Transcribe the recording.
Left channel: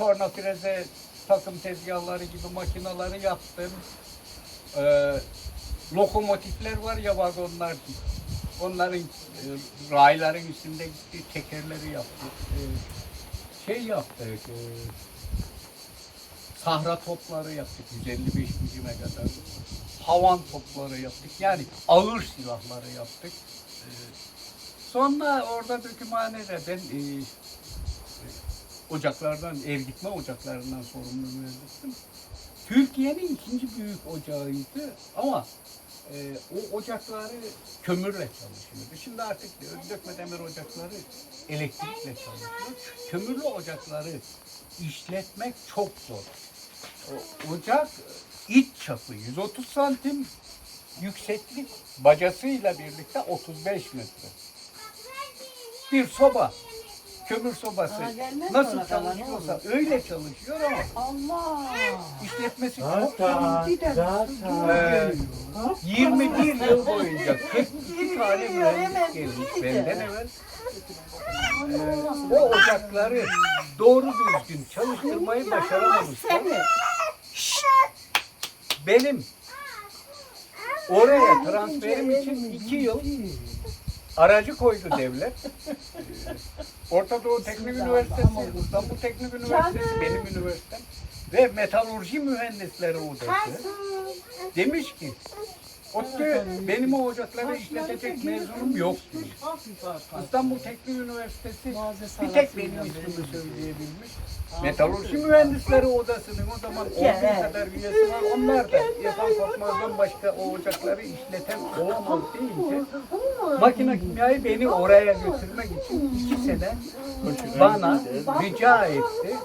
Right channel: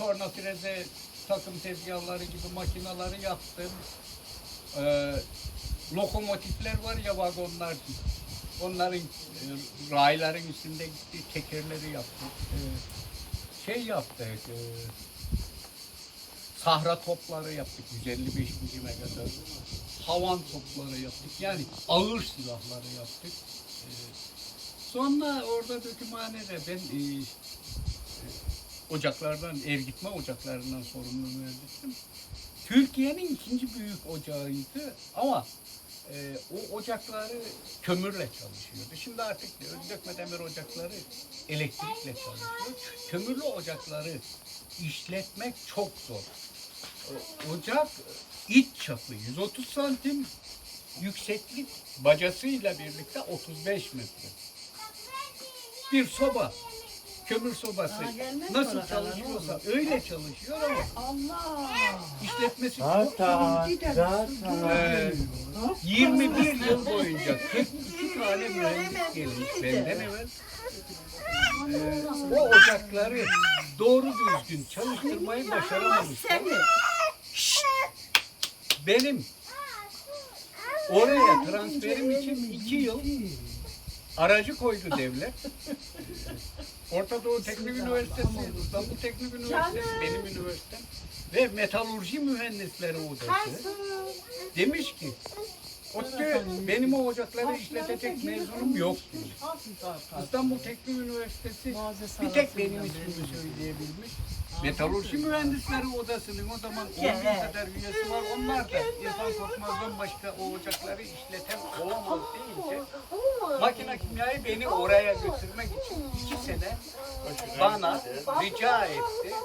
torna freze takım tezgahları gibi makineleri yaptım. Ee, lokomotifler var ya vagonlar. Onların e, rayların üstünde gitti, tekerleri yaptık. Ee, şey yaptık. e, sahra topları yaptık 155 milime kadar. Havan topları yaptık. Yani ağır silahları yaptık. Ee, sonra orada dökümhanede ben e, ocaklardan, ev gitme ocaklarından sorumlu mühendisim. Türkiye'nin ikinci büyük ocağıydı ama e, o ocakları kömürle çalışıyordu. Şimdi artık dökme demir ocakları elektrikle çalışıyor. Kömürlü ocakları işletmek çok zor. O, ocak iç çapı 130 santim, yükseklik bacasıyla birlikte 35 metre. Bir soba, kömür sobası Aa, gelmez nasıl ona kalan, çalışıyorsa öyle çalışıyor ama Allah. işletmesi çok Zaten, zaten. Ee, 21 yıl boyunca 42 tane mühendis gelmiş benden evvel. Ee, o ocakları doğru düzgün çalıştırmayı başaramamışlar. Benim oraya transferim için iki yıl aracı koydu devlet. Orta Doğu Teknik Üniversitesi, İstanbul Teknik Üniversitesi benim üniversitem ve metalurji mühendisleri odası. Demiş ki Otte benim o ocakları işletecek mezunum yok. İstanbul Teknik Üniversitesi bir tek benim ismimi söyleyebilmiş. Metalurji Mühendisleri Odası'nın o zaman olduğu kadar üyesi var. Onlar da Yasan Korkmaz'dan başka o ocakları işleten olamaz deyince makine kimyayı beni oraya götürmek için iki sene bana rica etti.